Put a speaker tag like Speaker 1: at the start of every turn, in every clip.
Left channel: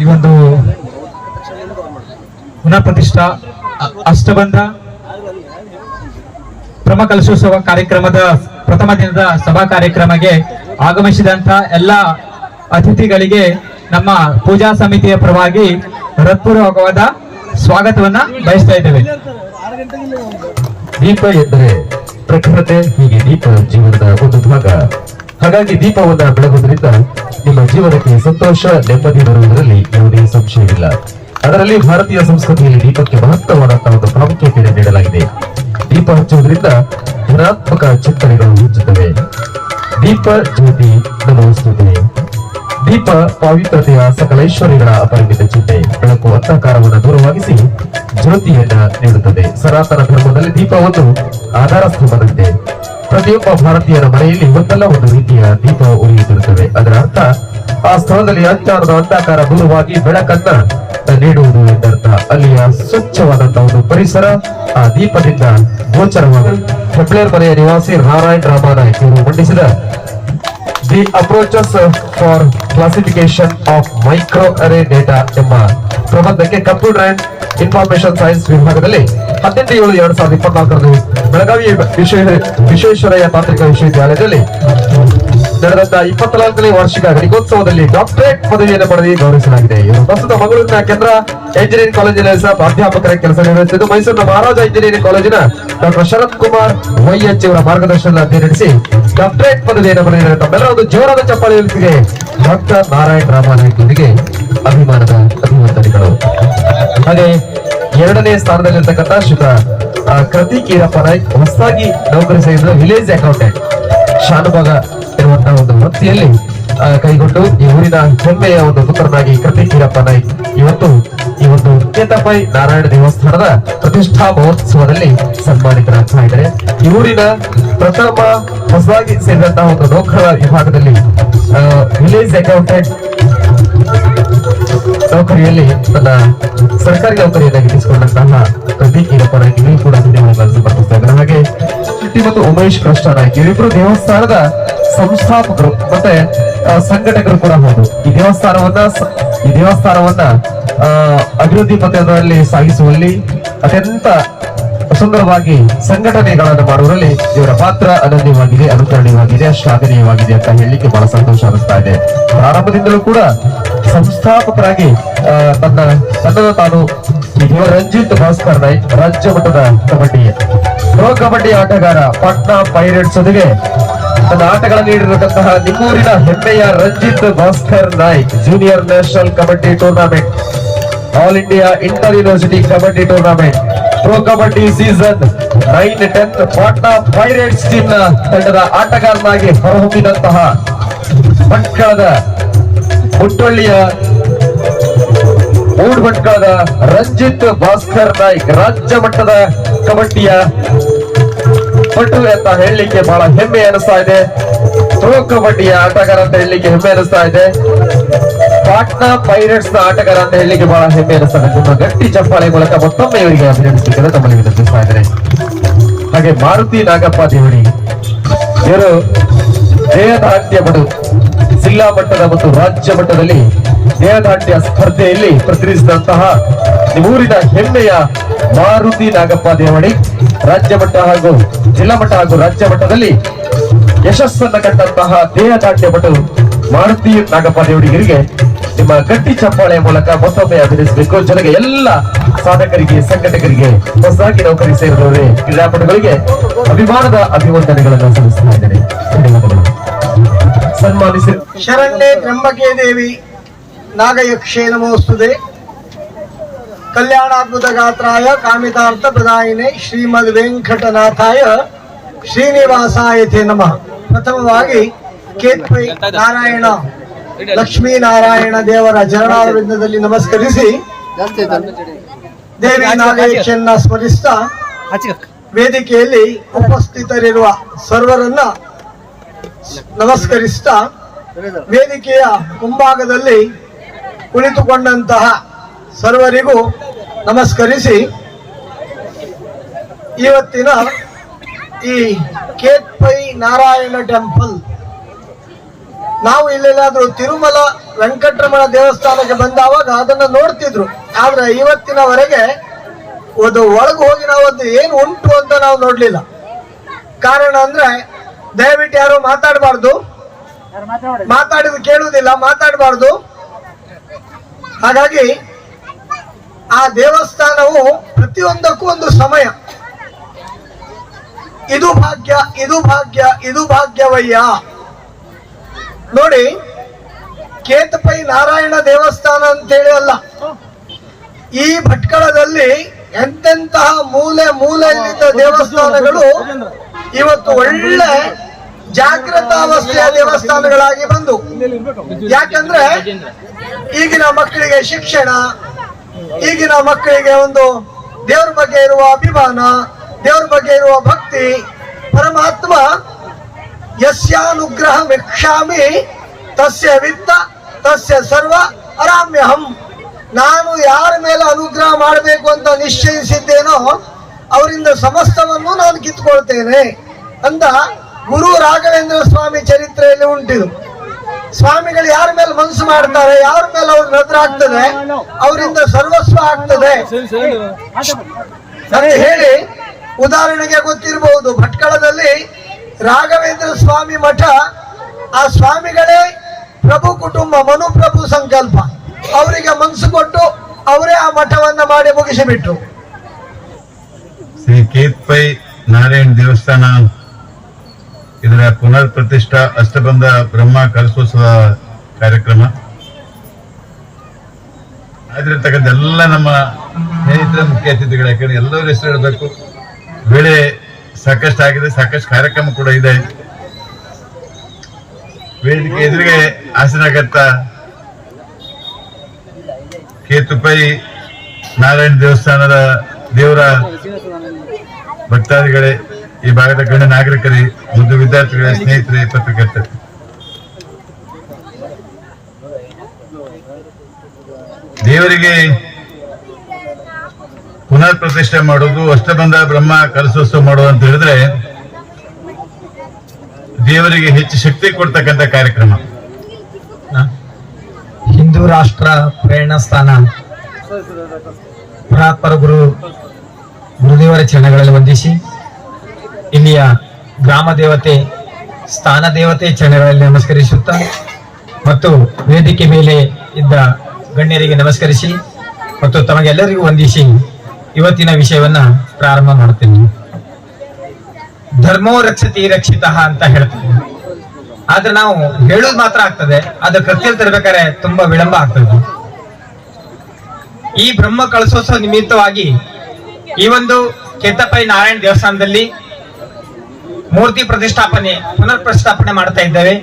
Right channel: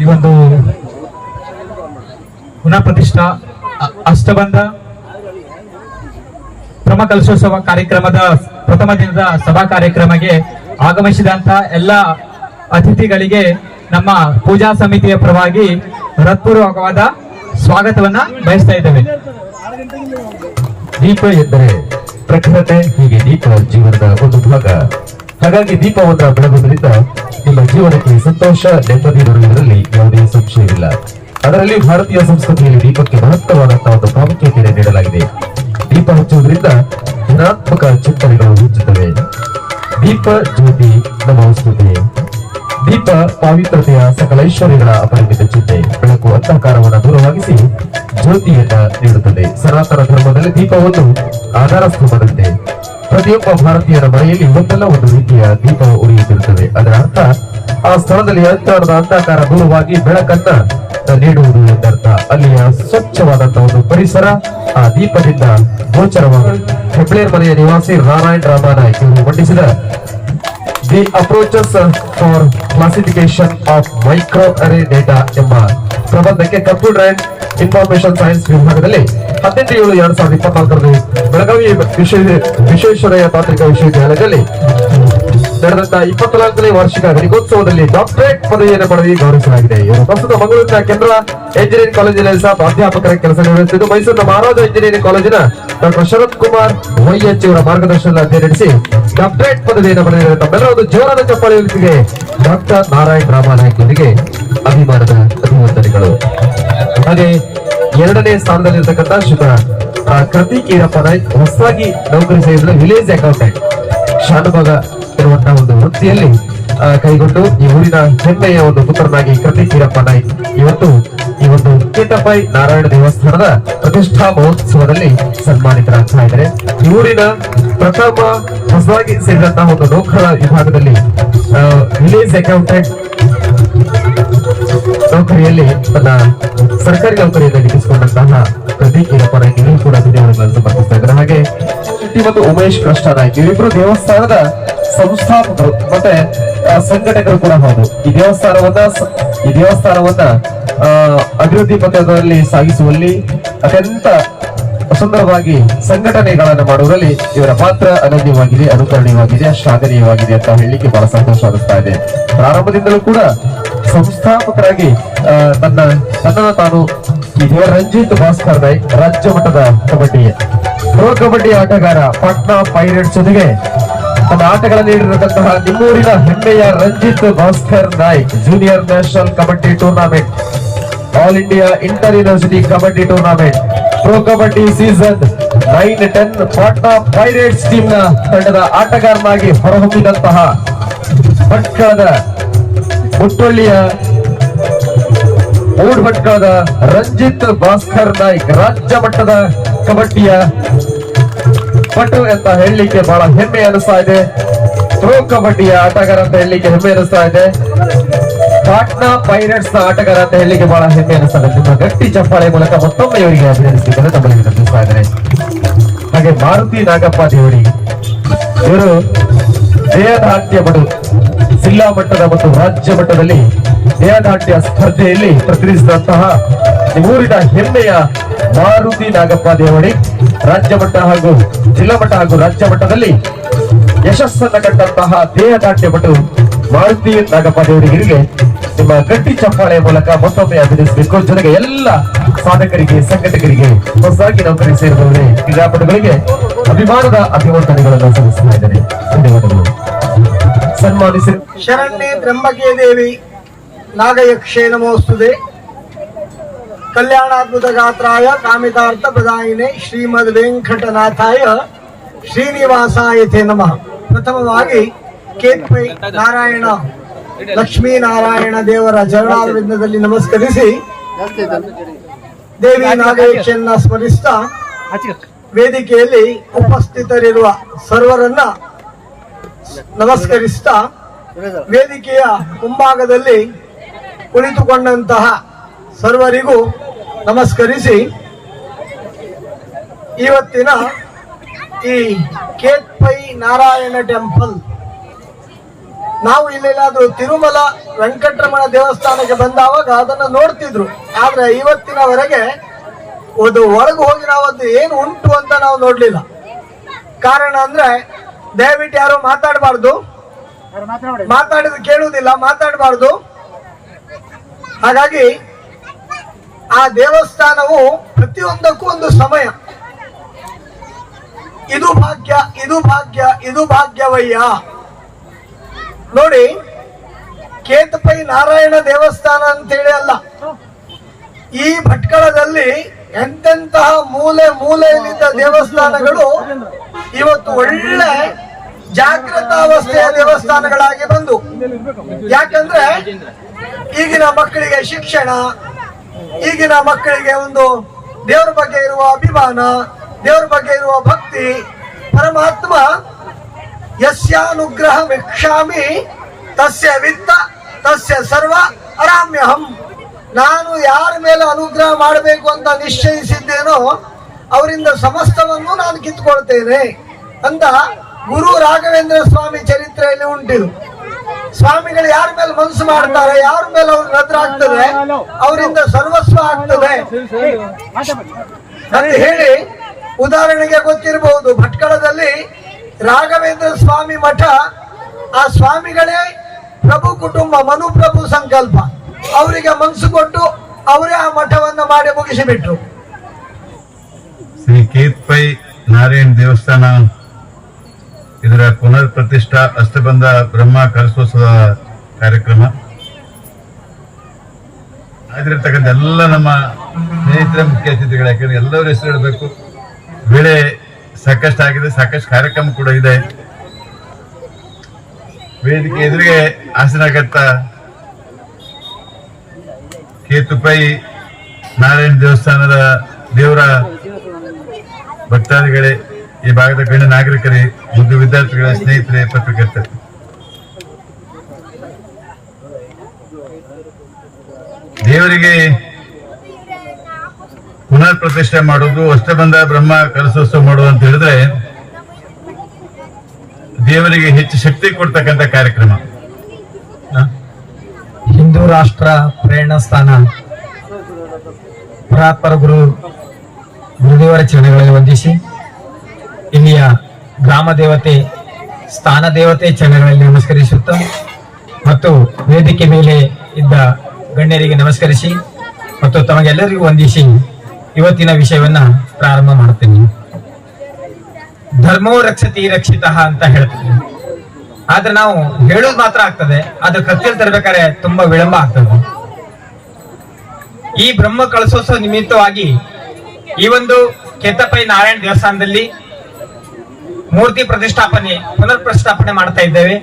Speaker 1: ಈ ಒಂದು ಪುನಃಪ್ರತಿಷ್ಠಾ ಅಷ್ಟಬಂಧ ಕ್ರಮ ಕಲಶೋತ್ಸವ ಕಾರ್ಯಕ್ರಮದ ಪ್ರಥಮ ದಿನದ ಸಭಾ ಕಾರ್ಯಕ್ರಮಕ್ಕೆ ಆಗಮಿಸಿದಂತ ಎಲ್ಲ ಅತಿಥಿಗಳಿಗೆ ನಮ್ಮ ಪೂಜಾ ಸಮಿತಿಯ ಪರವಾಗಿ ಹೃತ್ಪೂರ್ವಕವಾದ ಸ್ವಾಗತವನ್ನ ಬಯಸ್ತಾ ಇದ್ದೇವೆ.
Speaker 2: ದೀಪ ಎಂದರೆ ಪ್ರಖರತೆ ಹೀಗೆ ದೀಪ ಜೀವನದ ಒಂದು ಭಾಗ. ಹಾಗಾಗಿ ದೀಪವನ್ನು ಬೆಳಗುವುದರಿಂದ ನಿಮ್ಮ ಜೀವನಕ್ಕೆ ಸಂತೋಷ, ನೆಮ್ಮದಿ ಬರುವುದರಲ್ಲಿ ಯಾವುದೇ ಸಂಶಯವಿಲ್ಲ. ಅದರಲ್ಲಿ ಭಾರತೀಯ ಸಂಸ್ಕೃತಿಯಲ್ಲಿ ದೀಪಕ್ಕೆ ಮಹತ್ತರವಾದಂತಹ ಒಂದು ಪ್ರಾಮುಖ್ಯತೆಯನ್ನು ನೀಡಲಾಗಿದೆ. ದೀಪ ಹಚ್ಚುವುದರಿಂದ ಧನಾತ್ಮಕ ಚಿಂತನೆಗಳು ಹುಚ್ಚುತ್ತವೆ ದೀಪ ಜ್ಯೋತಿ ನಮೋಸ್ತುತೆ. ದೀಪ ಪಾವಿತ್ರತೆಯ ಸಕಲ ಐಶ್ವರ್ಯಗಳ ಅಪರಿಮಿತ ಚಿಂತೆ, ಬೆಳಕು ಅಂಧಕಾರವನ್ನು ದೂರವಾಗಿಸಿ ಜ್ಯೋತಿಯನ್ನ ನೀಡುತ್ತದೆ. ಸನಾತನ ಧರ್ಮದಲ್ಲಿ ದೀಪ ಒಂದು ಆಧಾರ ಸ್ತಂಭದಂತೆ ಪ್ರತಿಯೊಬ್ಬ ಭಾರತೀಯರ ಮನೆಯಲ್ಲಿ ಒಂದಲ್ಲ ಒಂದು ರೀತಿಯ ದೀಪ ಉರಿಯುತ್ತಿರುತ್ತದೆ. ಅದರ ಅರ್ಥ, ಆ ಸ್ಥಳದಲ್ಲಿ ಅಜ್ಞಾನದ ಅಂಧಕಾರ ಮೂಲವಾಗಿ ಬೆಳಕನ್ನ ನೀಡುವುದು ಎಂದರ್ಥ. ಅಲ್ಲಿಯ ಸ್ವಚ್ಛವಾದಂತಹ ಒಂದು ಪರಿಸರ, ಆ ದೀಪದಿಂದ ಗೋಚರವಾದ. ಹೆಬ್ಳೇರ್ ಮನೆಯ ನಿವಾಸಿ ನಾರಾಯಣ್ ರಾಮಾನಾಯಕ್ ಇವರು ಮಂಡಿಸಿದ the approaches for classification of micro array data ಎಂಬ ಪ್ರಬಂಧಕ್ಕೆ ಕಂಪ್ಯೂಟರ್ ಅಂಡ್ ಇನ್ಫಾರ್ಮೇಶನ್ ಸೈನ್ಸ್ ವಿಭಾಗದಲ್ಲಿ ಹದಿನೆಂಟು ಏಳು ಎರಡ್ ಸಾವಿರದ ಇಪ್ಪತ್ನಾಲ್ಕರಲ್ಲಿ ಬೆಳಗಾವಿ ವಿಶ್ವ- ವಿಶ್ವೇಶ್ವರಯ್ಯ ತಾಂತ್ರಿಕ ವಿಶ್ವವಿದ್ಯಾಲಯದಲ್ಲಿ ನಡೆದಂತ ಇಪ್ಪತ್ನಾಲ್ಕನೇ ವಾರ್ಷಿಕ ಘಟಿಕೋತ್ಸವದಲ್ಲಿ ಡಾಕ್ಟರೇಟ್ ಪದವಿಯನ್ನು ಪಡೆದು ಗೌರವಿಸಲಾಗಿದೆ. ಇವರು ಪ್ರಸ್ತುತ ಮಂಗಳೂರಿನ ಕೇಂದ್ರ ಎಂಜಿನಿಯರಿಂಗ್ ಕಾಲೇಜಿನ ಸಹ ಪ್ರಾಧ್ಯಾಪಕರ ಕೆಲಸ ನಿರ್ವಹಿಸುತ್ತಿದ್ದು, ಮೈಸೂರಿನ ಮಹಾರಾಜ ಇಂಜಿನಿಯರಿಂಗ್ ಕಾಲೇಜಿನ ಡಾಕ್ಟರ್ ಶರತ್ ಕುಮಾರ್ ವೈಎಚ್ ಅವರ ಮಾರ್ಗದರ್ಶನದಲ್ಲಿ ಅಧ್ಯಯನ ನಡೆಸಿ ಡಾಕ್ಟರೇಟ್ ಪದವಿಯನ್ನು ಪಡೆದಿರುವ ತಮ್ಮೆಲ್ಲ ಒಂದು ಜೋರಾದ ಚಪ್ಪಾಳೆಯೊಂದಿಗೆ ಡಾಕ್ಟರ್ ನಾರಾಯಣ ರಾಮನಾಯ್ಕರಿಗೆ ಅಭಿಮಾನದ ಅಭಿವಂದನೆಗಳು ಹಾಗೆ ಎರಡನೇ ಸ್ಥಾನದಲ್ಲಿರ್ತಕ್ಕಂಥ ಶ್ರೀತ ಕೃತಿ ಕೀರಪ್ಪ ನಾಯ್ಕ್ ಹೊಸದಾಗಿ ನೌಕರಿ ಸೇರಿದ ವಿಲೇಜ್ ಅಕೌಂಟೆಂಟ್ ಶಾನುಭಾಗ ಇರುವಂತಹ ಒಂದು ವೃತ್ತಿಯಲ್ಲಿ ಕೈಗೊಂಡು ಈ ಊರಿನ ಹೆಮ್ಮೆಯ ಒಂದು ಪುತ್ರನಾಗಿ ಕೃತಿ ಕೀರಪ್ಪ ನಾಯ್ಕ್ ಇವತ್ತು ಈ ಒಂದು ಕೇತಪೈ ನಾರಾಯಣ ದೇವಸ್ಥಾನದ ಪ್ರತಿಷ್ಠಾ ಮಹೋತ್ಸವದಲ್ಲಿ ಸನ್ಮಾನಿತರಾಗ್ತಾ ಇದ್ದಾರೆ ಈ ಊರಿನ ಪ್ರಥಮ ಹೊಸದಾಗಿ ಸೇರಿದಂತಹ ಒಂದು ನೌಕರ ವಿಭಾಗದಲ್ಲಿ ವಿಲೇಜ್ ಅಕೌಂಟೆಂಟ್ ನೌಕರಿಯಲ್ಲಿ ತನ್ನ ಸರ್ಕಾರಿ ನೌಕರಿಯನ್ನು ಗಿಟ್ಟಿಸಿಕೊಂಡಂತಹ ಪ್ರದೀಪ್ ನಾಯ್ಕ ನೀವು ಕೂಡ ಹಾಗೆ ಮತ್ತು ಉಮೇಶ್ ಕೃಷ್ಣ ನಾಯ್ಕ ಇವರಿಬ್ಬರು ದೇವಸ್ಥಾನದ ಸಂಸ್ಥಾಪಕರು, ಮತ್ತೆ ಸಂಘಟಕರು ಕೂಡ ಹೌದು. ಈ ದೇವಸ್ಥಾನವನ್ನ ಈ ದೇವಸ್ಥಾನವನ್ನ ಅಭಿವೃದ್ಧಿ ಪಥದಲ್ಲಿ ಸಾಗಿಸುವಲ್ಲಿ ಅತ್ಯಂತ ಸುಂದರವಾಗಿ ಸಂಘಟನೆಗಳನ್ನು ಮಾಡುವುದರಲ್ಲಿ ಇವರ ಪಾತ್ರ ಅನನ್ಯವಾಗಿದೆ, ಅನುಕರಣೀಯವಾಗಿದೆ, ಶ್ಲಾಘನೀಯವಾಗಿದೆ ಅಂತ ಹೇಳಲಿಕ್ಕೆ ಬಹಳ ಸಂತೋಷ ಅನಿಸ್ತಾ ಇದೆ. ಪ್ರಾರಂಭದಿಂದಲೂ ಕೂಡ ಸಂಸ್ಥಾಪಕರಾಗಿ ತನ್ನ ತನ್ನ ತಾನು ರಂಜಿತ್ ಭಾಸ್ಕರ್ ರೈ, ರಾಜ್ಯ ಮಟ್ಟದ ಕಬಡ್ಡಿ ಪ್ರೋ ಕಬಡ್ಡಿ ಆಟಗಾರ, ಪಟ್ನಾ ಪೈರೇಟ್ಸ್ ಜೊತೆಗೆ ಆಟಗಳಲ್ಲಿ ನೀಡಿರತಕ್ಕಂತಹ ನಿಮ್ಮೂರಿನ ಹೆಮ್ಮೆಯ Ranjit Bhaskar Naik junior national kabaddi tournament all India inter university kabaddi tournament Pro kabaddi season nine ten Patna Pirates ಟೀಮ್ನ ತಂಡದ ಆಟಗಾರನಾಗಿ ಹೊರಹೊಮ್ಮಿದಂತಹ ಭಟ್ಕಳದ ಹುಟ್ಟಳ್ಳಿಯ ಮೂರು ಭಟ್ಕಳದ ರಂಜಿತ್ ಭಾಸ್ಕರ್ ನಾಯ್ಕ್, ರಾಜ್ಯ ಮಟ್ಟದ ಕಬಡ್ಡಿಯ ಪಟು ಅಂತ ಹೇಳಲಿಕ್ಕೆ ಬಹಳ ಹೆಮ್ಮೆ ಅನಿಸ್ತಾ ಇದೆ. ಪ್ರೋ ಕಬಡ್ಡಿಯ ಆಟಗಾರ ಅಂತ ಹೇಳಲಿಕ್ಕೆ ಹೆಮ್ಮೆ ಅನಿಸ್ತಾ ಇದೆ. ಪಾಟ್ನಾ ಪೈರೇಟ್ಸ್ನ ಆಟಗಾರ ಅಂತ ಹೇಳಲಿಕ್ಕೆ ಬಹಳ ಹೆಮ್ಮೆ ಅನಿಸ್ತಾ ಇದೆ. ತುಂಬಾ ಗಟ್ಟಿ ಚಪ್ಪಾಳೆ ಮೂಲಕ ಮತ್ತೊಮ್ಮೆ ಇವರಿಗೆ ಅಭಿನಂದಿಸಲಿಕ್ಕೆ ತಮ್ಮಲ್ಲಿ ಇದ್ದಾರೆ ಹಾಗೆ ಮಾರುತಿ ನಾಗಪ್ಪ ದೇವಡಿ ಇವರು ದೇಹದಾಟ್ಯ ಬಡು ಜಿಲ್ಲಾ ಮಟ್ಟದ ಮತ್ತು ರಾಜ್ಯ ಮಟ್ಟದಲ್ಲಿ ದೇಹದಾಟ್ಯ ಸ್ಪರ್ಧೆಯಲ್ಲಿ ಪ್ರತಿನಿಧಿಸಿದಂತಹ ಊರಿನ ಹೆಮ್ಮೆಯ ಮಾರುತಿ ನಾಗಪ್ಪ ದೇವಣೆ, ರಾಜ್ಯ ಮಟ್ಟ ಹಾಗೂ ಜಿಲ್ಲಾ ಮಟ್ಟ ಹಾಗೂ ರಾಜ್ಯ ಮಟ್ಟದಲ್ಲಿ ಯಶಸ್ಸನ್ನ ಕಂಡಂತಹ ದೇಹದಾಟ್ಯ ಪಟು ಮಾರುತಿ ನಾಗಪ್ಪ ದೇವರಿಗೆ ನಿಮ್ಮ ಗಟ್ಟಿ ಚಪ್ಪಾಳೆ ಮೂಲಕ ಮತ್ತೊಮ್ಮೆ ಅಭಿನಯಿಸಬೇಕು ಜೊತೆಗೆ ಎಲ್ಲ ಸಾಧಕರಿಗೆ, ಸಂಘಟಕರಿಗೆ ಹೊಸದಾಗಿ ನೌಕರಿ ಸೇರಿದವರೇ, ಕ್ರೀಡಾಪಟುಗಳಿಗೆ ಅಭಿಮಾನದ ಅಭಿವಂದನೆಗಳನ್ನು ಸಲ್ಲಿಸ್ತಾ ಧನ್ಯವಾದಗಳು. ಸನ್ಮಾನಿಸಿ.
Speaker 3: ಶರಣ್ಯ ತ್ರ್ಯಂಬಕೆ ದೇವಿ ನಾಗಯಕ್ಷೇ ನಮೋಸ್ತುದೆ. ಕಲ್ಯಾಣಾದ್ಭುತ ಗಾತ್ರಾಯ ಕಾಮಿತಾರ್ಥ ಪ್ರದಾಯಿನೇ ಶ್ರೀಮದ್ ವೆಂಕಟನಾಥಾಯ ಶ್ರೀನಿವಾಸಾಯತೆ ನಮಃ. ಪ್ರಥಮವಾಗಿ ಕೇತ್ಪೈ ನಾರಾಯಣ ಲಕ್ಷ್ಮೀನಾರಾಯಣ ದೇವರ ಚರಣಾರವಿಂದದಲ್ಲಿ ನಮಸ್ಕರಿಸಿ ದೇವಿ ನಾಗೇಶನ್ನ ಸ್ಮರಿಸ್ತಾ ವೇದಿಕೆಯಲ್ಲಿ ಉಪಸ್ಥಿತರಿರುವ ಸರ್ವರನ್ನ ನಮಸ್ಕರಿಸ್ತಾ ವೇದಿಕೆಯ ಮುಂಭಾಗದಲ್ಲಿ ಕುಳಿತುಕೊಂಡಂತಹ ಸರ್ವರಿಗೂ ನಮಸ್ಕರಿಸಿ. ಇವತ್ತಿನ ಈ ಕೇತ್ಪೈ ನಾರಾಯಣ ಟೆಂಪಲ್. ನಾವು ಇಲ್ಲೆಲ್ಲಾದ್ರೂ ತಿರುಮಲ ವೆಂಕಟರಮಣ ದೇವಸ್ಥಾನಕ್ಕೆ ಬಂದಾವಾಗ ಅದನ್ನ ನೋಡ್ತಿದ್ರು. ಆದ್ರೆ ಇವತ್ತಿನವರೆಗೆ ಒಂದು ಒಳಗೆ ಹೋಗಿ ನಾವು ಅದು ಏನು ಉಂಟು ಅಂತ ನಾವು ನೋಡ್ಲಿಲ್ಲ. ಕಾರಣ ಅಂದ್ರೆ ದಯವಿಟ್ಟು ಯಾರು ಮಾತಾಡಬಾರ್ದು. ಮಾತಾಡಿದ ಕೇಳುವುದಿಲ್ಲ ಮಾತಾಡಬಾರ್ದು. ಹಾಗಾಗಿ ಆ ದೇವಸ್ಥಾನವು ಪ್ರತಿಯೊಂದಕ್ಕೂ ಒಂದು ಸಮಯ. ಇದು ಭಾಗ್ಯ ಇದು ಭಾಗ್ಯ, ಇದು ಭಾಗ್ಯವಯ್ಯ. ನೋಡಿ, ಕೇತಪೈ ನಾರಾಯಣ ದೇವಸ್ಥಾನ ಅಂತೇಳಿ ಅಲ್ಲ. ಈ ಭಟ್ಕಳದಲ್ಲಿ ಎಂತೆಂತಹ ಮೂಲೆ ಮೂಲೆಯಲ್ಲಿದ್ದ ದೇವಸ್ಥಾನಗಳು ಇವತ್ತು ಒಳ್ಳೆ ಜಾಗೃತಾವಸ್ಥೆಯ ದೇವಸ್ಥಾನಗಳಾಗಿ ಬಂದು. ಯಾಕಂದ್ರೆ ಈಗಿನ ಮಕ್ಕಳಿಗೆ ಶಿಕ್ಷಣ ಈಗಿನ ಮಕ್ಕಳಿಗೆ ಒಂದು ದೇವ್ರ ಬಗ್ಗೆ ಇರುವ ಅಭಿಮಾನ, ದೇವ್ರ ಬಗ್ಗೆ ಇರುವ ಭಕ್ತಿ, ಪರಮಾತ್ಮ ಯಸ್ಯಾನುಗ್ರಹ ವೀಕ್ಷಾಮಿ, ತಸ್ಯ ವಿತ್ತ, ತಸ್ಯ ಸರ್ವ ಅರಾಮ್ಯಹಂ. ನಾನು ಯಾರ ಮೇಲೆ ಅನುಗ್ರಹ ಮಾಡಬೇಕು ಅಂತ ನಿಶ್ಚಯಿಸಿದ್ದೇನೋ ಅವರಿಂದ ಸಮಸ್ತವನ್ನು ನಾನು ಕಿತ್ಕೊಳ್ತೇನೆ ಅಂತ ಗುರು ರಾಘವೇಂದ್ರ ಸ್ವಾಮಿ ಚರಿತ್ರೆಯಲ್ಲಿ ಉಂಟಿದು. ಸ್ವಾಮಿಗಳು ಯಾರ ಮೇಲೆ ಮನಸ್ಸು ಮಾಡ್ತಾರೆ, ಯಾರ ಮೇಲೆ ಅವ್ರ ಭದ್ರ ಆಗ್ತದೆ, ಅವರಿಂದ ಸರ್ವಸ್ವ ಆಗ್ತದೆ. ಹೇಳಿ, ಉದಾಹರಣೆಗೆ ಗೊತ್ತಿರಬಹುದು, ಭಟ್ಕಳದಲ್ಲಿ ರಾಘವೇಂದ್ರ ಸ್ವಾಮಿ ಮಠ, ಆ ಸ್ವಾಮಿಗಳೇ ಪ್ರಭು ಕುಟುಂಬ ಮನು ಪ್ರಭು ಸಂಕಲ್ಪ. ಅವರಿಗೆ ಮನಸ್ಸು ಕೊಟ್ಟು ಅವರೇ ಆ ಮಠವನ್ನ ಮಾಡಿ ಮುಗಿಸಿಬಿಟ್ಟು
Speaker 4: ಶ್ರೀ ಕೇತ್ಪೈ ನಾರಾಯಣ ದೇವಸ್ಥಾನ ಇದರ ಪುನರ್ ಪ್ರತಿಷ್ಠಾ ಅಷ್ಟಬಂಧ ಬ್ರಹ್ಮ ಕಲಸೋತ್ಸವ ಕಾರ್ಯಕ್ರಮ. ಆಗಿರ್ತಕ್ಕಂಥ ಎಲ್ಲ ನಮ್ಮ ಸ್ನೇಹಿತರ ಮುಖ್ಯ ಅತಿಥಿಗಳು ಯಾಕಂದ್ರೆ ಎಲ್ಲರ ಹೆಸರು ಹೇಳಬೇಕು. ಬೆಳೆ ಸಾಕಷ್ಟು ಆಗಿದೆ, ಸಾಕಷ್ಟು ಕಾರ್ಯಕ್ರಮ ಕೂಡ ಇದೆ. ವೇದಿಕೆ ಎದುರಿಗೆ ಆಸನಾಗತ್ತ ಕೇತುಪೈ ನಾರಾಯಣ ದೇವಸ್ಥಾನದ ದೇವರ ಭಕ್ತಾದಿಗಳೇ ಈ ಭಾಗದ ಗಣ್ಯ ನಾಗರಿಕರೇ ವಿದ್ಯಾರ್ಥಿಗಳ ವಿದ್ಯಾರ್ಥಿಗಳೇ, ಸ್ನೇಹಿತರೆ, ಪತ್ರಕರ್ತರೆ. ದೇವರಿಗೆ ಪುನರ್ ಪ್ರತಿಷ್ಠೆ ಮಾಡೋದು, ಅಷ್ಟಬಂಧ ಬ್ರಹ್ಮ ಕಲಸೋತ್ಸವ ಮಾಡೋದು ಅಂತ ಹೇಳಿದ್ರೆ, ದೇವರಿಗೆ ಹೆಚ್ಚು ಶಕ್ತಿ ಕೊಡ್ತಕ್ಕಂತ ಕಾರ್ಯಕ್ರಮ.
Speaker 1: ಹಿಂದೂ ರಾಷ್ಟ್ರ ಪ್ರೇರಣಾ ಸ್ಥಾನ. ಪುರಾತ್ಮರ ಗುರು ಗುರುದೇವರ ಚರಣಗಳಲ್ಲಿ ವಂದಿಸಿ. ಇಲ್ಲಿಯ ಗ್ರಾಮ ದೇವತೆ, ಸ್ಥಾನ ದೇವತೆ ಚರಣಗಳಲ್ಲಿ ನಮಸ್ಕರಿಸುತ್ತಾ ಮತ್ತು ವೇದಿಕೆ ಮೇಲೆ ಇದ್ದ ಗಣ್ಯರಿಗೆ ನಮಸ್ಕರಿಸಿ ಮತ್ತು ತಮಗೆಲ್ಲರಿಗೂ ವಂದಿಸಿ ಇವತ್ತಿನ ವಿಷಯವನ್ನ ಪ್ರಾರಂಭ ಮಾಡುತ್ತೇನೆ. ಧರ್ಮೋ ರಕ್ಷತಿ ರಕ್ಷಿತ ಅಂತ ಹೇಳ್ತೇನೆ ಆದ್ರೆ ನಾವು ಹೇಳೋದು ಮಾತ್ರ ಆಗ್ತದೆ, ಅದು ಕೃತ್ಯಲ್ಲಿ ತರಬೇಕಾದ್ರೆ ತುಂಬಾ ವಿಳಂಬ ಆಗ್ತದೆ. ಈ ಬ್ರಹ್ಮ ಕಳಸೋತ್ಸವ ನಿಮಿತ್ತವಾಗಿ ಈ ಒಂದು ಕೆತ್ತಪೈ ನಾರಾಯಣ ದೇವಸ್ಥಾನದಲ್ಲಿ ಮೂರ್ತಿ ಪ್ರತಿಷ್ಠಾಪನೆ ಪುನರ್ ಪ್ರತಿಷ್ಠಾಪನೆ ಮಾಡ್ತಾ ಇದ್ದೇವೆ.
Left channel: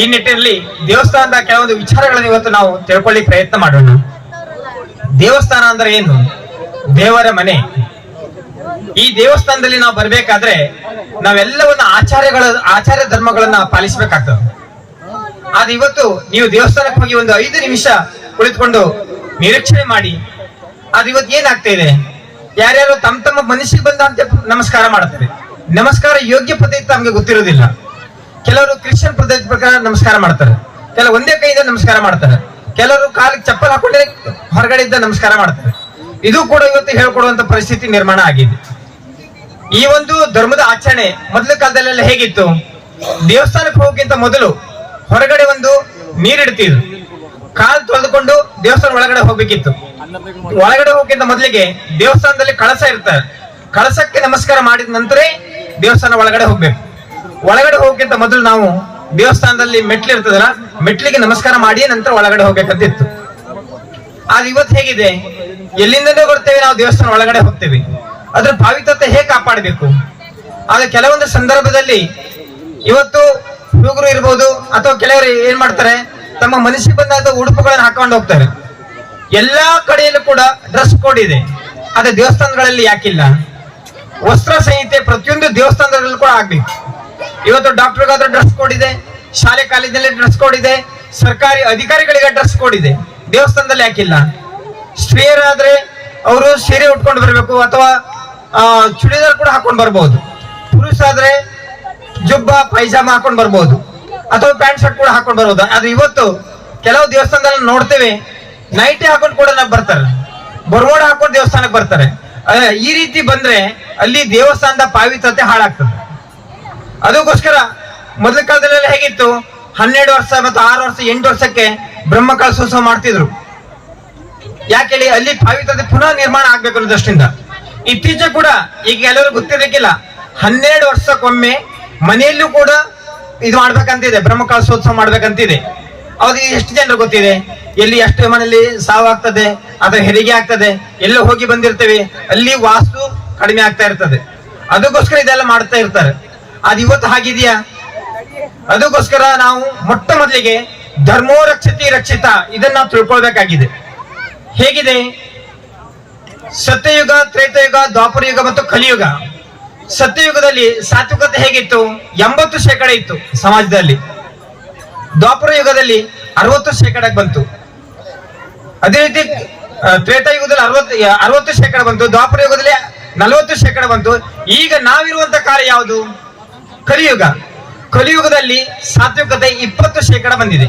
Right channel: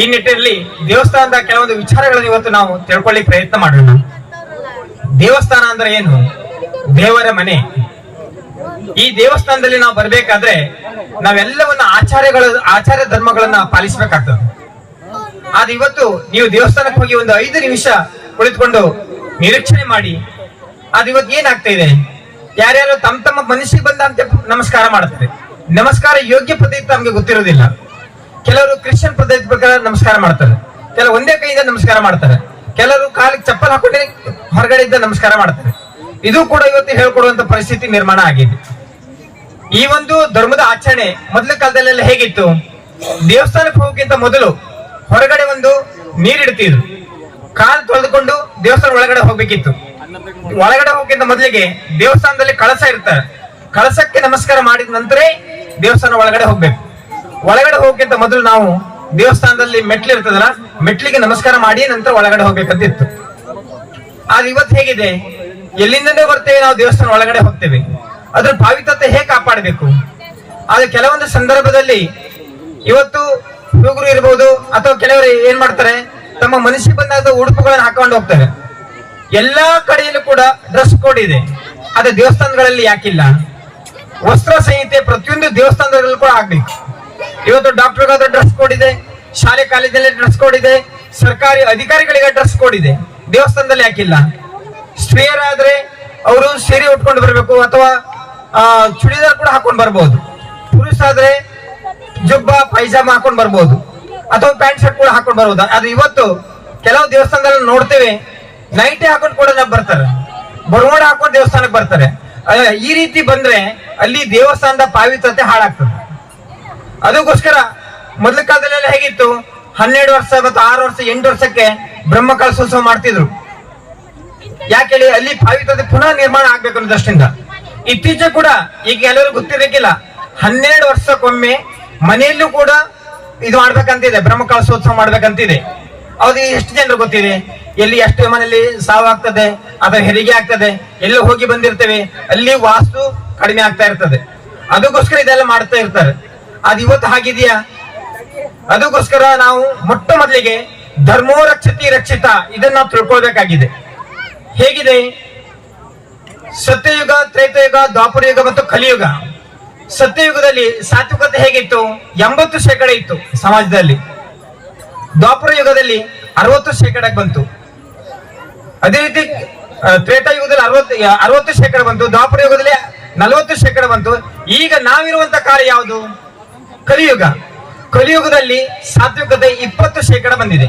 Speaker 1: ಈ ನಿಟ್ಟಿನಲ್ಲಿ ದೇವಸ್ಥಾನದ ಕೆಲವೊಂದು ವಿಚಾರಗಳನ್ನು ಇವತ್ತು ನಾವು ತಿಳ್ಕೊಳ್ಳಿ ಪ್ರಯತ್ನ ಮಾಡೋಣ. ದೇವಸ್ಥಾನ ಅಂದ್ರೆ ಏನು? ದೇವರ ಮನೆ. ಈ ದೇವಸ್ಥಾನದಲ್ಲಿ ನಾವು ಬರ್ಬೇಕಾದ್ರೆ ನಾವೆಲ್ಲವನ್ನ ಆಚಾರ್ಯಗಳ, ಆಚಾರ್ಯ ಧರ್ಮಗಳನ್ನ ಪಾಲಿಸಬೇಕಾಗ್ತದೆ. ಆದ್ರೆ ಇವತ್ತು ನೀವು ದೇವಸ್ಥಾನಕ್ಕೆ ಹೋಗಿ ಒಂದು ಐದು ನಿಮಿಷ ಕುಳಿತುಕೊಂಡು ನಿರೀಕ್ಷಣೆ ಮಾಡಿ ಅದು ಇವತ್ತು ಏನಾಗ್ತಾ ಇದೆ? ಯಾರ್ಯಾರು ತಮ್ಮ ತಮ್ಮ ಮನಸ್ಸಿಗೆ ಬಂದಂತೆ ನಮಸ್ಕಾರ ಮಾಡ್ತಾರೆ. ನಮಸ್ಕಾರ ಯೋಗ್ಯ ಪದ್ಧತಿ ತಮಗೆ ಗೊತ್ತಿರೋದಿಲ್ಲ. ಕೆಲವರು ಕ್ರಿಶ್ಚಿಯನ್ ಪದ್ಧತಿ ಪ್ರಕಾರ ನಮಸ್ಕಾರ ಮಾಡ್ತಾರೆ. ಕೆಲವು ಒಂದೇ ಕೈಯಿಂದ ನಮಸ್ಕಾರ ಮಾಡ್ತಾರೆ. ಕೆಲವರು ಕಾಲಿಗೆ ಚಪ್ಪಲ್ ಹಾಕೊಂಡೇ ಹೊರಗಡೆ ಇದ್ದ ನಮಸ್ಕಾರ ಮಾಡ್ತಾರೆ. ಇದು ಕೂಡ ಇವತ್ತು ಹೇಳ್ಕೊಡುವಂತ ಪರಿಸ್ಥಿತಿ ನಿರ್ಮಾಣ ಆಗಿದೆ. ಈ ಒಂದು ಧರ್ಮದ ಆಚರಣೆ ಮೊದಲ ಕಾಲದಲ್ಲೆಲ್ಲ ಹೇಗಿತ್ತು? ದೇವಸ್ಥಾನಕ್ಕೆ ಹೋಗಕ್ಕಿಂತ ಮೊದಲು ಹೊರಗಡೆ ಒಂದು ನೀರಿಡ್ತಿದ್ರು ಕಾಲ್ ತೊಳೆದುಕೊಂಡು ದೇವಸ್ಥಾನ ಒಳಗಡೆ ಹೋಗ್ಬೇಕಿತ್ತು. ಒಳಗಡೆ ಹೋಗಕ್ಕಿಂತ ಮೊದಲಿಗೆ ದೇವಸ್ಥಾನದಲ್ಲಿ ಕಳಸ ಇರ್ತಾರೆ. ಕಳಸಕ್ಕೆ ನಮಸ್ಕಾರ ಮಾಡಿದ ನಂತರ ದೇವಸ್ಥಾನ ಒಳಗಡೆ ಹೋಗ್ಬೇಕು. ಒಳಗಡೆ ಹೋಗಕ್ಕಿಂತ ಮೊದಲು ನಾವು ದೇವಸ್ಥಾನದಲ್ಲಿ ಮೆಟ್ಲು ಇರ್ತದಲ್ಲ, ಮೆಟ್ಲಿಗೆ ನಮಸ್ಕಾರ ಮಾಡಿ ನಂತರ ಒಳಗಡೆ ಹೋಗ್ಬೇಕಂತಿತ್ತು. ಆದ್ರೆ ಇವತ್ತು ಹೇಗಿದೆ? ಎಲ್ಲಿಂದಲೇ ಬರ್ತೇವೆ ನಾವು ದೇವಸ್ಥಾನ ಒಳಗಡೆ ಹೋಗ್ತೇವೆ. ಅದ್ರ ಪಾವಿತ್ರತೆ ಹೇಗೆ ಕಾಪಾಡಬೇಕು? ಆದ್ರೆ ಕೆಲವೊಂದು ಸಂದರ್ಭದಲ್ಲಿ ಇವತ್ತು ಹುಡುಗರು ಇರ್ಬೋದು, ಅಥವಾ ಕೆಲವರು ಏನ್ ಮಾಡ್ತಾರೆ, ತಮ್ಮ ಮನಸ್ಸಿಗೆ ಬಂದಾದ ಉಡುಪುಗಳನ್ನು ಹಾಕೊಂಡು ಹೋಗ್ತಾರೆ. ಎಲ್ಲಾ ಕಡೆಯಲ್ಲೂ ಕೂಡ ಡ್ರೆಸ್ ಕೋಡ್ ಇದೆ. ಆದ್ರೆ ದೇವಸ್ಥಾನಗಳಲ್ಲಿ ಯಾಕಿಲ್ಲ. ವಸ್ತ್ರ ಸಂಹಿತೆ ಪ್ರತಿಯೊಂದು ದೇವಸ್ಥಾನದಲ್ಲೂ ಕೂಡ ಆಗ್ಬೇಕು. ಇವತ್ತು ಡಾಕ್ಟರ್ಗಾದ್ರೆ ಡ್ರೆಸ್ ಕೋಡ್ ಇದೆ, ಶಾಲೆ ಕಾಲೇಜಿನಲ್ಲಿ ಡ್ರೆಸ್ ಕೋಡ್ ಇದೆ, ಸರ್ಕಾರಿ ಅಧಿಕಾರಿಗಳಿಗೆ ಡ್ರೆಸ್ ಕೋಡ್ ಇದೆ. ದೇವಸ್ಥಾನದಲ್ಲಿ ಯಾಕಿಲ್ಲ ಸ್ತ್ರೀಯರಾದ್ರೆ ಅವರು ಸೀರೆ ಉಟ್ಕೊಂಡು ಬರಬೇಕು ಅಥವಾ ಚೂಡಿದಾರ್ ಕೂಡ ಹಾಕೊಂಡು ಬರ್ಬೋದು. ಪುರುಷ ಆದ್ರೆ ಜುಬ್ಬ, ಪೈಜಾಮ ಹಾಕೊಂಡು ಬರ್ಬೋದು. ಅಥವಾ ಪ್ಯಾಂಟ್ ಶರ್ಟ್ ಕೂಡ ಹಾಕೊಂಡು ಬರ್ಬೋದು ಅದು ಇವತ್ತು ಕೆಲವು ದೇವಸ್ಥಾನದಲ್ಲಿ ನೋಡ್ತೇವೆ. ನೈಟಿ ಹಾಕೊಂಡು ಕೂಡ ಬರ್ತಾರೆ. ಬರೋಡ್ ಹಾಕೊಂಡು ದೇವಸ್ಥಾನಕ್ಕೆ ಬರ್ತಾರೆ. ಈ ರೀತಿ ಬಂದ್ರೆ ಅಲ್ಲಿ ದೇವಸ್ಥಾನದ ಪಾವಿತ್ರತೆ ಹಾಳಾಗ್ತದೆ. ಅದಕ್ಕೋಸ್ಕರ ಮೊದಲ ಕಾಲದಲ್ಲೆಲ್ಲ ಹೇಗಿತ್ತು? ಹನ್ನೆರಡು ವರ್ಷ ಮತ್ತು ಆರು ವರ್ಷ, ಎಂಟು ವರ್ಷಕ್ಕೆ ಬ್ರಹ್ಮ ಕಲಸೋತ್ಸವ ಮಾಡ್ತಿದ್ರು. ಯಾಕೆ ಹೇಳಿ, ಅಲ್ಲಿ ಪಾವಿತ್ರತೆ ಪುನಃ ನಿರ್ಮಾಣ ಆಗ್ಬೇಕು ಅನ್ನೋದಷ್ಟಿಂದ. ಇತ್ತೀಚೆ ಕೂಡ, ಈಗ ಎಲ್ಲರೂ ಗೊತ್ತಿರಕ್ಕಿಲ್ಲ ಹನ್ನೆರಡು ವರ್ಷಕ್ಕೊಮ್ಮೆ ಮನೆಯಲ್ಲೂ ಕೂಡ ಇದು ಮಾಡ್ಬೇಕಂತಿದೆ ಬ್ರಹ್ಮ ಕಲಸೋತ್ಸವ ಮಾಡ್ಬೇಕಂತಿದೆ. ಅವ್ರಿಗೆ ಎಷ್ಟು ಜನರು ಗೊತ್ತಿದೆ? ಎಲ್ಲಿ ಎಷ್ಟು ಮನೆಯಲ್ಲಿ ಸಾವಾಗ್ತದೆ, ಅಥವಾ ಹೆರಿಗೆ ಆಗ್ತದೆ, ಎಲ್ಲೋ ಹೋಗಿ ಬಂದಿರ್ತೇವೆ, ಅಲ್ಲಿ ವಾಸ್ತು ಕಡಿಮೆ ಆಗ್ತಾ ಇರ್ತದೆ. ಅದಕ್ಕೋಸ್ಕರ ಇದೆಲ್ಲ ಮಾಡ್ತಾ ಇರ್ತಾರೆ. ಅದು ಇವತ್ತು ಹಾಗಿದೆಯಾ? ಅದಕ್ಕೋಸ್ಕರ ನಾವು ಮೊಟ್ಟ ಮೊದಲಿಗೆ ಧರ್ಮೋ ರಕ್ಷತಿ ರಕ್ಷಿತ ಇದನ್ನ ತಿಳ್ಕೊಳ್ಬೇಕಾಗಿದೆ. ಹೇಗಿದೆ? ಸತ್ಯಯುಗ, ತ್ರೇತಯುಗ ದ್ವಾಪರ ಯುಗ ಮತ್ತು ಕಲಿಯುಗ. ಸತ್ಯಯುಗದಲ್ಲಿ ಸಾತ್ವಿಕತೆ ಹೇಗಿತ್ತು? ಎಂಬತ್ತು ಶೇಕಡ ಇತ್ತು ಸಮಾಜದಲ್ಲಿ. ದ್ವಾಪರ ಯುಗದಲ್ಲಿ ಅರವತ್ತು ಶೇಕಡಕ್ಕೆ ಬಂತು. ಅದೇ ರೀತಿ ತ್ರೇತಾ ಯುಗದಲ್ಲಿ ಅರವತ್ತು ಅರವತ್ತು ಶೇಕಡ ಬಂತು, ದ್ವಾಪರ ಯುಗದಲ್ಲಿ ನಲವತ್ತು ಶೇಕಡ ಬಂತು. ಈಗ ನಾವಿರುವಂತ ಕಾಲ ಯಾವುದು? ಕಲಿಯುಗ. ಕಲಿಯುಗದಲ್ಲಿ ಸಾತ್ವಿಕತೆ ಇಪ್ಪತ್ತು ಶೇಕಡ ಬಂದಿದೆ.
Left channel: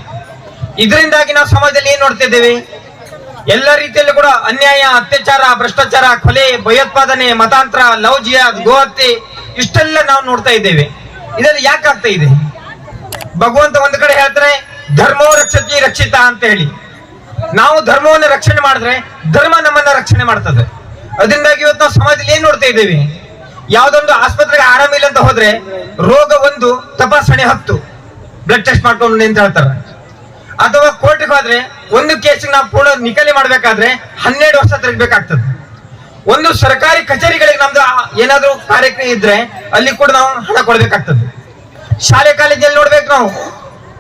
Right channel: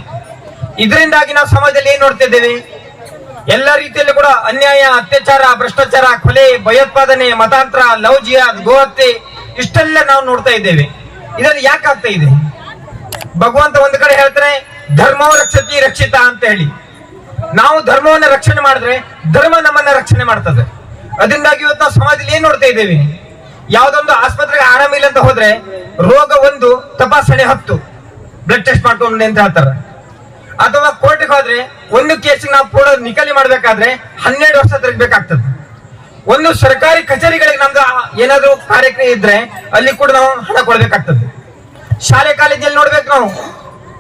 Speaker 1: ಇದರಿಂದಾಗಿ ನಾವು ಸಮಾಜದಲ್ಲಿ ಏನ್ ನೋಡ್ತಿದ್ದೇವೆ? ಎಲ್ಲ ರೀತಿಯಲ್ಲೂ ಕೂಡ ಅನ್ಯಾಯ, ಅತ್ಯಾಚಾರ, ಭ್ರಷ್ಟಾಚಾರ, ಕೊಲೆ, ಭಯೋತ್ಪಾದನೆ, ಮತಾಂತರ, ಲವ್ ಜಿಯಾದ್ ಗೋಹತ್ಯೆ, ಇಷ್ಟೆಲ್ಲ ನಾವು ನೋಡ್ತಾ ಇದ್ದೇವೆ. ಇದರಲ್ಲಿ ಯಾಕೆ ಆಗ್ತಾ ಇದೆ? ಭಗವಂತ ಒಂದ್ ಕಡೆ ಹೇಳ್ತಾನೆ, ಧರ್ಮೋ ರಕ್ಷತಿ ರಕ್ಷಿತ ಅಂತ ಹೇಳಿ. ನಾವು ಧರ್ಮವನ್ನು ರಕ್ಷಣೆ ಮಾಡಿದ್ರೆ ಧರ್ಮ ನಮ್ಮನ್ನ ರಕ್ಷಣೆ ಮಾಡ್ತದೆ. ಅದರಿಂದಾಗಿ ಇವತ್ತು ನಾವು ಸಮಾಜದಲ್ಲಿ ಏನ್ ನೋಡ್ತಾ ಇದ್ದೇವೆ? ಯಾವ್ದೊಂದು ಆಸ್ಪತ್ರೆಗೆ ಆರಾಮಿಲ್ಲ ಅಂತ ಹೋದ್ರೆ ರೋಗ ಒಂದು, ತಪಾಸಣೆ ಹತ್ತು. ಬ್ಲಡ್ ಟೆಸ್ಟ್ ಮಾಡ್ಕೊಂಡು ಅಂತ ಹೇಳ್ತಾರೆ. ಅಥವಾ ಕೋರ್ಟ್ಗೆ ಹೋದ್ರೆ ಒಂದು ಕೇಸ್ ನಾವು ಪೂರ್ಣ ನಿಕಲಿ ಮಾಡ್ಬೇಕಾದ್ರೆ ಹನ್ನೆರಡು ವರ್ಷ ತಿರುಗಬೇಕಾಗ್ತದೆ ಒಂದು ಸರ್ಕಾರಿ ಕಚೇರಿಗಳಿಗೆ ನಮ್ದು ಏನಾದ್ರೂ ಕಾರ್ಯಕ್ರಮ ಇದ್ರೆ ಅಲ್ಲಿ ಕೂಡ ನಾವು ಹಣ ಕೊಡ್ಬೇಕಾಗ್ತದೆ. ಶಾಲೆ ಕಾಲೇಜಲ್ಲಿ ನೋಡ್ಬೇಕು ನಾವು.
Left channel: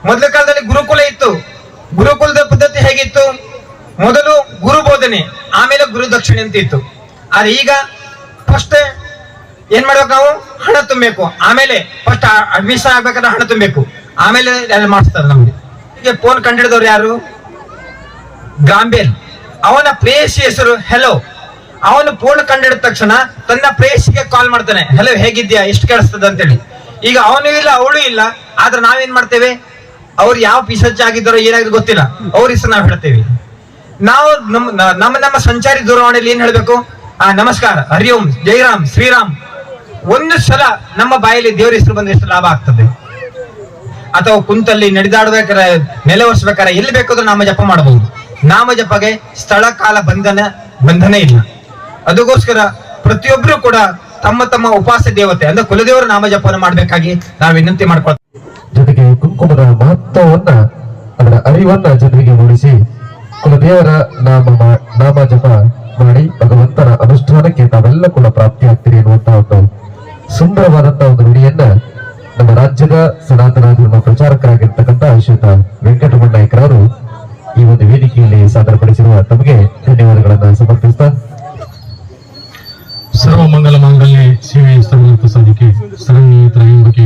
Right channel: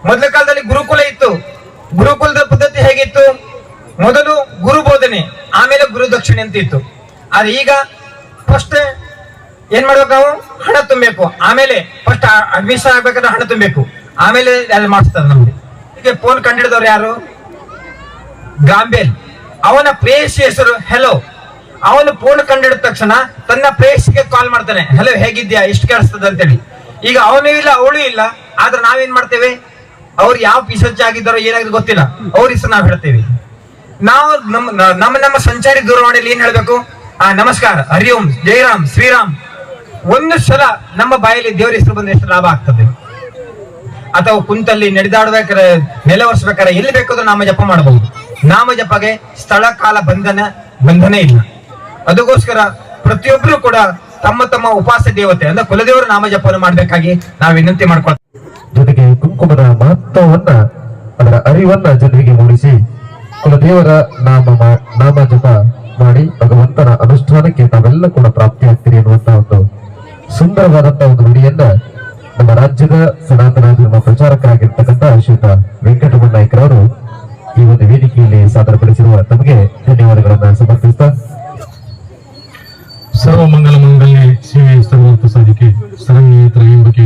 Speaker 1: ಮೊದಲ ಕಾಲದಲ್ಲಿ ಗುರುಕುಲ ಇತ್ತು. ಗುರುಕುಲದ ಪದ್ಧತಿ ಹೇಗಿತ್ತು? ಮೊದಲು ಗುರು ಬೋಧನೆ, ಆಮೇಲೆ ಗುರು ದಕ್ಷಿಣೆ ಅಂತ ಇತ್ತು. ಆದ್ರೆ ಈಗ ಫಸ್ಟ್ ಏನ್ ಮಾಡ್ಬೇಕು ನಾವು? ಹಣ ತುಂಬಬೇಕು. ಆಮೇಲೆ ಫಸ್ಟ್ ಅಡ್ಮಿಷನ್ ಆಗ್ಬೇಕಾದ್ರೆ ಹಣ ತುಂಬಬೇಕು. ಆಮೇಲೆ ಅಲ್ಲಿ ಮಾಡಿಸ್ತದೆ ನಮ್ಗೆ. ಈಗ ಫೋನ್ ಕಂಡಿಡಿದವ್ರು ಯಾರು? ಗಾಂಬೇಲ್ ಅವನ ಪ್ರೇಯಸಿ ಹೆಸರು ಹೆಲೋ ಅವನು ಫೋನ್ ಕಂಡಿಡಿದ ತಕ್ಷಣ ತನ್ನ ಪ್ರೇಯಸಿಗೆ ಕಾಲ್ ಮಾಡ್ತಾನೆ. ಹಲೋ ಹೇಗಿದ್ಯಾ ಎಷ್ಟು ಕೇಳಿಸ್ತದೆ ಅಂತೇಳಿ. ಈಗ ಅವನು ಇಲ್ಲ, ಅವಳು ಇಲ್ಲ. ಆದ್ರೆ ನಾವೇನ್ ಮಾಡ್ತೇವೆ? ಅವ್ರು ಯಾವ ಪಿಸಚ್ಚ ಆಗಿದ್ದಾರೋ ಏನಾಗಿದ್ರು ಗೊತ್ತಿಲ್ಲ. ಅವ್ರ ಹೆಸರು ನಾವು ಹೇಳ್ತೇವೆ. ನಾವು ನಮ್ಮ ನಮ್ಮ ನಮ್ಮ ಸಂಚಾರಿ ದೂರವಾಣಿಯಲ್ಲಿ ಏನ್ ಹೇಳ್ಬೇಕು? ಆ, ನಮಸ್ಕಾರ. ಹರಿ ಓಂ ಜಯರಾಮ್ ಶ್ರೀರಾಮ್ ಒಂದು ಸಲ ನಮ್ಮ ಬಾಯಲ್ಲಿ ದೇವರ ಹೆಸರು ಬಂದ್ರೆ ಎಷ್ಟು ಲಾಭ ಆಗ್ತದೆ? ಅಥವಾ ಕುಂತಲ್ಲಿ ನಡೆದಾಡ್ಬೇಕಾರೆ ನೆಲೆ ಒರೆಸ್ಬೇಕಾರೆ ಎಲ್ಲಿ ಬೇಕಾದ್ರೂ ನಾಮ ಜಪ ಮಾಡಬಹುದು. ನಾಮ ಜಪಗೆ ಸ್ಥಳ, ಕಾಲ, ಬಂಧನ ಬಂಧನ ಇಲ್ಲ. ಅದಕ್ಕೋಸ್ಕರ ಪ್ರತಿಯೊಬ್ಬರು ಕೂಡ ತಮ್ಮ ತಮ್ಮ ಉಪಾಸ ದೇವತೆ, ಅಂದ್ರೆ ಕುಲದೇವರ ನಾಮ ಜಪನ ಮಾಡ್ಬೇಕಾಗಿ ನಾವು ವಿನಂತಿ ಮಾಡ್ಕೊಳ್ತೀವಿ
Speaker 2: ಜೊತೆಗೆ ಕುಂಕುಮದ ಮಹತ್ವವನ್ನ ಅದರ ಅರಿವನ್ನ ಜನರಿಗೆ ಮೂಡಿಸಿ, ಕುಲದೇವರ ನಾಮ ನಾಮ ಜಪ ಮಾಡಿ ಭಗವಂತನ ಅನುಷ್ಠಾನಕ್ಕೆ ತಾವೆಲ್ಲ ಕೂಡ ಪ್ರಾಪ್ತಿಯಾಗ್ತೀರಿ ಅನ್ನುವಂತಹ ಒಂದು ಸುಂದರವಾದಂತಹ ಒಂದು ನುಡಿಯನ್ನ ನಮ್ಮ ರಾಜ್ಯದ ಸನಾತನ ಧರ್ಮ ಪ್ರಚಾರಕರಾಗಿರ್ತಕ್ಕಂಥ ಅಶೋಕ ವೆಂಕಟರಮಣ ನಾಯ್ಕರವರು ಈ ಒಂದು ವೇದಿಕೆಯಲ್ಲಿ ಸಾದರಪಡಿಸಿರುವ ತಮಗೆ ಧನ್ಯವಾದಗಳನ್ನು ಸಮರ್ಪಿಸ್ತಾ.
Speaker 5: ಸರ್ವಮಂಗಲ ಮಂಗಲ್ಯ ಶಿವೆ ಸರ್ವರ್ಥ ಸಾಧಿಕೆ ಶರಣ್ಯ ತ್ರಯಂಬಕೆ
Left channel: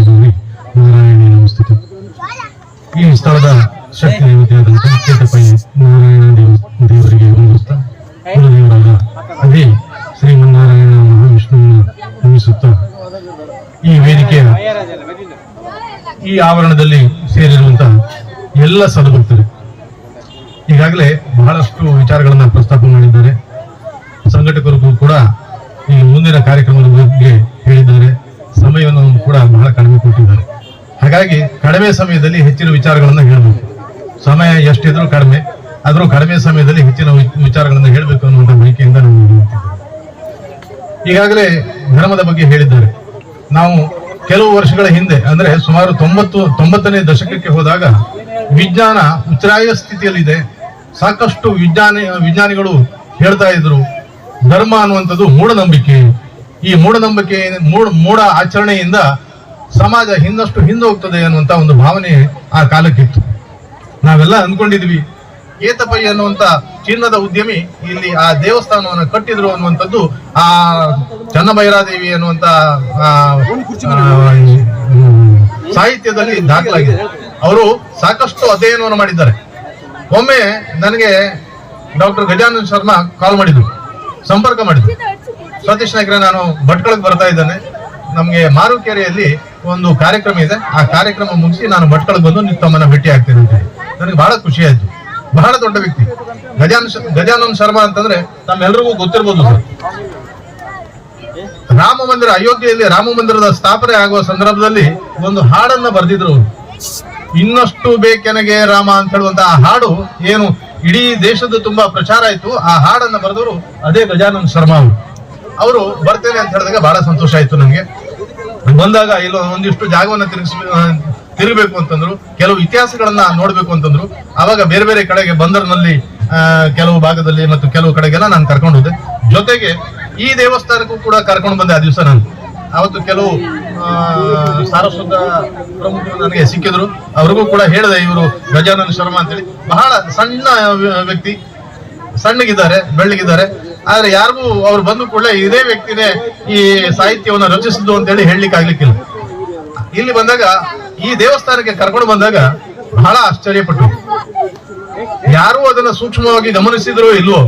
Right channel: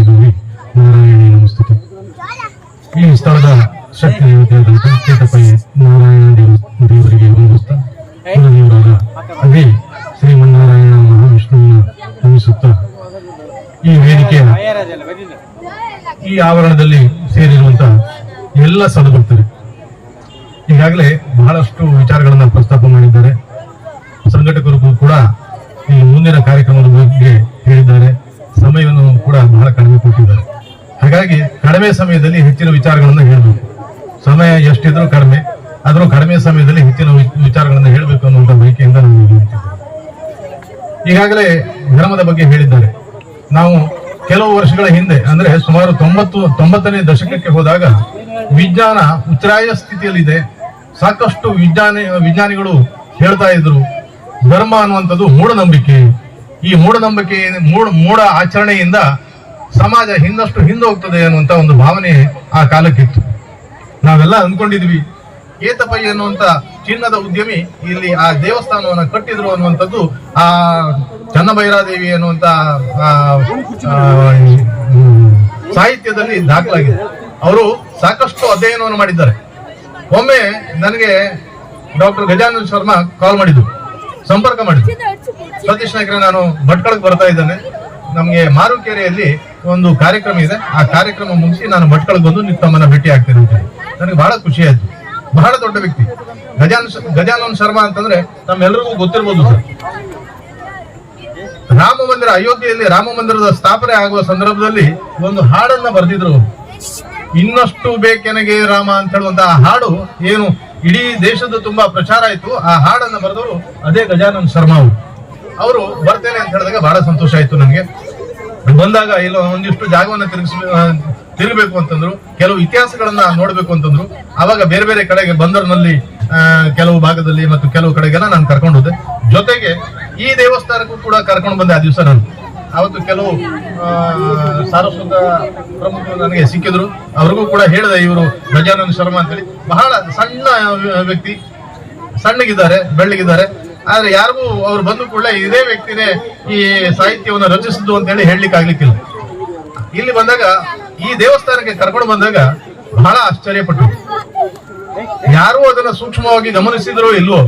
Speaker 5: ಕಡಿಮೆ ಸಮಯದಲ್ಲಿ ಹೆಚ್ಚಿನ ವಿಚಾರಗಳನ್ನು ಹೇಳಬೇಕು. ಸಮಯ ಎಷ್ಟಿದ್ರೂ ಕಡಿಮೆ, ಆದರೂ ಕಡಿಮೆ ಸಮಯದಲ್ಲಿ ಹೆಚ್ಚಿನ ವಿಚಾರಗಳನ್ನು ಹೇಳಬೇಕು ಅನ್ನುವಂಥ ಬಯಕೆಯಿಂದ ಹೇಳುತ್ತಿದ್ದೇವೆ ಈಗಾಗಲೇ ಧರ್ಮದ ಬಗ್ಗೆ ಹೇಳಿದ್ದಾರೆ. ನಾವು ಕೆಲವು ವರ್ಷಗಳ ಹಿಂದೆ, ಅಂದ್ರೆ ಸುಮಾರು ತೊಂಬತ್ತು, ತೊಂಬತ್ತನೇ ದಶಕಕ್ಕೆ ಹೋದಾಗ ವಿಜ್ಞಾನ ಉಚ್ಛ್ರಾಯ ಸ್ಥಿತಿಯಲ್ಲಿದೆ. ಸಾಕಷ್ಟು ವಿಜ್ಞಾನಿ, ವಿಜ್ಞಾನಿಗಳು ಹೇಳ್ತಾ ಇದ್ರು, ಧರ್ಮ ಅನ್ನುವಂಥದ್ದು ಮೂಢನಂಬಿಕೆ. ಈ ಮೂಢನಂಬಿಕೆ, ಮೂಢ ಮೂಢ ಆಚರಣೆಯಿಂದ ಸಮಾಜ ಹಿಂದಷ್ಟು ಹಿಂದೆ ಹೋಗ್ತದೆ ಅನ್ನುವಂತ ಒಂದು ಭಾವನೆ ಆ ಕಾಲಕ್ಕಿತ್ತು. ನಾವೆಲ್ಲ ಅಂದ್ಕೊಂಡಿದ್ವಿ ಏತಪಯ್ಯ ಅನ್ನುವಂತ ಚಿನ್ನದ ಉದ್ಯಮಿ ಇಲ್ಲಿ ಆ ದೇವಸ್ಥಾನವನ್ನು ಕಟ್ಟಿದ್ರು ಅನ್ನುವಂಥದ್ದು ಆ ಚನ್ನಭೈರಾದೇವಿ ಅನ್ನುವಂತ ಸಾಹಿತ್ಯದಲ್ಲಿ ದಾಖಲಾಗಿದೆ. ಅವರು ಸಾಕಷ್ಟು ಅಧ್ಯಯನವನ್ನು ಮಾಡಿದ್ದಾರೆ. ಒಮ್ಮೆ ನನಗೆ ಡಾಕ್ಟರ್ ಗಜಾನಂದ್ ಶರ್ಮಾ ಕಾಲ್ ಮಾಡಿದ್ರು ಸಂಪರ್ಕ ಮಾಡಿದ್ರು ಸತೀಶ್ ನಾಯ್ಕರೇ, ನಾನು ಭಟ್ಕಳಕ್ಕೆ ಬರ್ತಾ ಇದ್ದೇನೆ. ನಮಗೆ ಮಾರುಕೆರೆಯಲ್ಲಿ ಒಂದು ಕಾರ್ಯಕ್ರಮ ಇದೆ. ಆ ಕಾರ್ಯಕ್ರಮ ಮುಗಿಸಿ ನಾನು ಮಟ್ಕಳ ಬಂದು ನೀವು ತಮ್ಮನ್ನ ಭೇಟಿ ಆಗ್ತೇನೆ. ನನಗೆ ಬಹಳ ಖುಷಿ ಆಯ್ತು. ಬಹಳ ದೊಡ್ಡ ವ್ಯಕ್ತಿ. ಗಜಾನ ಗಜಾನಂದ ಶರ್ಮಾ ಅಂತಂದ್ರೆ ನಮ್ಮೆಲ್ಲರಿಗೂ ಗೊತ್ತಿರ್ಬೋದು ಸರ್. ರಾಮ ಮಂದಿರ, ಅಯೋಧ್ಯೆಯಲ್ಲಿ ರಾಮ ಮಂದಿರದ ಸ್ಥಾಪನೆ ಆಗುವ ಸಂದರ್ಭದಲ್ಲಿ ಒಂದು ಹಾಡನ್ನ ಬರೆದಿದ್ರು. ಇನ್ನಷ್ಟು ಬೇಕೆನಗೆ ರಾಮ ಅಂತ ಹೇಳುವಂತಹ ಹಾಡು ಏನು ಇಡೀ ದೇಶದ ತುಂಬಾ ಪ್ರಚಾರ ಆಯ್ತು. ಆ ಹಾಡನ್ನ ಬರೆದವರು ಅದೇ ಗಜಾನಂದ ಶರ್ಮಾ ಅವರು ಬರ್ತೇನೆ ಅಂತ ಹೇಳಿದಾಗ ಬಹಳ ಸಂತೋಷ ಆಯ್ತು ನನಗೆ. ಬಂದಾಗ ಇಲ್ಲ ಒಂದಿಷ್ಟು ಜಾಗವನ್ನು ತಿರುಗಿಸ್ ತಿರುಗಬೇಕು ಅಂತಂದ್ರು, ಕೆಲವು ಇತಿಹಾಸಗಳನ್ನ ನೋಡ್ಬೇಕು ಅಂತಂದ್ರು. ಅವಾಗ ಬೇರೆ ಬೇರೆ ಕಡೆಗೆ ಬಂದರ್ನಲ್ಲಿ ಕೆಲವು ಭಾಗದಲ್ಲಿ ಮತ್ತು ಕೆಲವು ಕಡೆಗೆಲ್ಲ ನಾನು ಕರ್ಕೊಂಡು ಹೋದೆ ಜೊತೆಗೆ ಈ ದೇವಸ್ಥಾನಕ್ಕೂ ಕೂಡ ಕರ್ಕೊಂಡು ಬಂದೆ ಆ ದಿವಸ ನಾನು. ಅವತ್ತು ಕೆಲವು ಸಾರಸ್ವತ ಪ್ರಮುಖರು ನನಗೆ ಸಿಕ್ಕಿದ್ರು. ಅವ್ರಿಗೂ ಕೂಡ ಹೇಳಿದೆ, ಇವರು ಗಜಾನಂದ ಶರ್ಮಾ ಅಂತೇಳಿ. ಬಹಳ ಸಣ್ಣ ವ್ಯಕ್ತಿ. ಸಣ್ಣಗಿದ್ದಾರೆ, ಬೆಳ್ಳಗಿದ್ದಾರೆ. ಆದ್ರೆ ಯಾರಿಗೂ ಅವ್ರು ಬಂದು ಕೂಡಲೇ ಇದೇ ವ್ಯಕ್ತಿನೇ ಈ ಸಾಹಿತ್ಯವನ್ನು ರಚಿಸಿದ್ದು ಅಂತ ಹೇಳಿ ಹೇಳಲಿಕ್ಕೆ ಆಗ್ಲಿಕ್ಕಿಲ್ಲ. ಇಲ್ಲಿ ಬಂದಾಗ ಈ ದೇವಸ್ಥಾನಕ್ಕೆ ಕರ್ಕೊಂಡು ಬಂದಾಗ ಬಹಳ ಆಶ್ಚರ್ಯಪಟ್ಟು ಯಾರು ಅದನ್ನ ಸೂಕ್ಷ್ಮವಾಗಿ ಗಮನಿಸಿದ್ರೋ ಇಲ್ವೋ,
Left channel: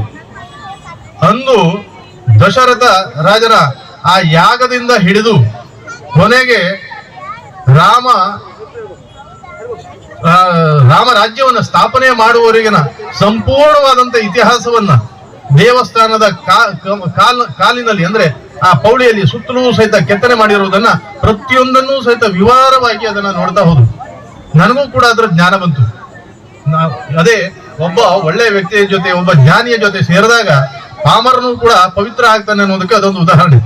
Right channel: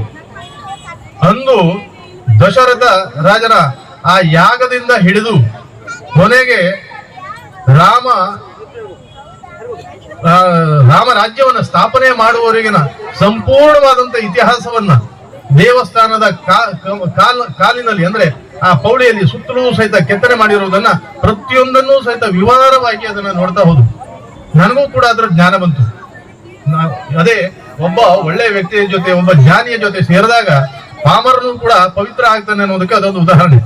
Speaker 5: ಅಂದು ದಶರಥ ರಾಜರ ಆ ಯಾಗದಿಂದ ಹಿಡಿದು ಕೊನೆಗೆ ರಾಮ ರಾಮ ರಾಜ್ಯವನ್ನ ಸ್ಥಾಪನೆ ಮಾಡುವವರೆಗಿನ ಸಂಪೂರ್ಣವಾದಂತ ಇತಿಹಾಸವನ್ನ ದೇವಸ್ಥಾನದ ಕಾಲಿನಲ್ಲಿ ಅಂದ್ರೆ ಆ ಪೌಳಿಯಲ್ಲಿ ಸುತ್ತಲೂ ಸಹಿತ ಕೆತ್ತನೆ ಮಾಡಿರುವುದನ್ನ ಪ್ರತಿಯೊಂದನ್ನೂ ಸಹಿತ ವಿವರವಾಗಿ ಅದನ್ನ ನೋಡ್ತಾ ಹೋದ್ರು. ನನಗೂ ಕೂಡ ಅದರ ಜ್ಞಾನ ಬಂತು. ಅದೇ ಒಬ್ಬ ಒಳ್ಳೆ ವ್ಯಕ್ತಿಯ ಜೊತೆ, ಒಬ್ಬ ಜ್ಞಾನಿಯ ಜೊತೆ ಸೇರಿದಾಗ ಪಾಮರನು ಕೂಡ ಪವಿತ್ರ ಆಗ್ತಾನೆ ಅನ್ನೋದಕ್ಕೆ ಅದೊಂದು ಉದಾಹರಣೆ.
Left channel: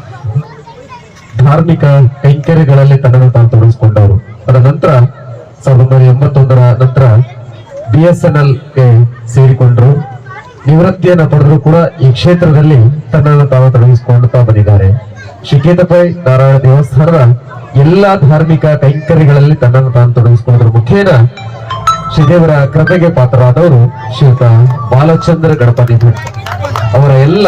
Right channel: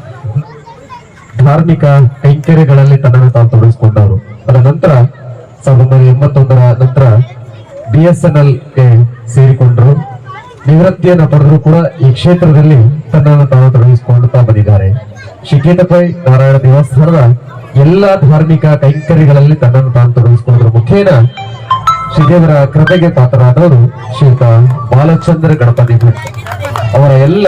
Speaker 2: ಧಾರ್ಮಿಕ ಕೈಂಕರ್ಯಗಳಲ್ಲಿ ತನ್ನನ್ನು ತಾನು ತೊಡಗಿಸಿಕೊಂಡವರು. ಅದರ ನಂತರ ಸಾವಿರದ ಒಂಬೈನೂರ ಎಂಬತ್ತೊಂದರ ನಂತರ ಬಿ ಎಸ್ ಎನ್ ಎಲ್ ಸೇರಿಕೊಂಡ್ರು. ನಿವೃತ್ತಿಯನ್ನು ಪಡೆದರು ಕೂಡ ಈ ಕ್ಷೇತ್ರದಲ್ಲಿ ತನ್ನನ್ನು ತಾವು ತೊಡಗಿಸಿಕೊಳ್ಳುತ್ತಾ ಬಂದಿದ್ದಾರೆ. ಶಿಕೇತಪೈ ನಾರಾಯಣ ದೇವಸ್ಥಾನದ ಎಲ್ಲಾ ಧಾರ್ಮಿಕ ಕೈಂಕರ್ಯಗಳಲ್ಲಿ ತನ್ನನ್ನು ತಾನು ತೊಡಗಿಸಿಕೊಂಡ್ರ ಮುಖೇನ ಶ್ರೀದೇವರ ಕೃಪೆಗೆ ಪಾತ್ರರಾದವರು ಶ್ರೀಯುತ ಬಾಲಚಂದ್ರ ಗಣಪತಿ ಅವರ ಎಲ್ಲ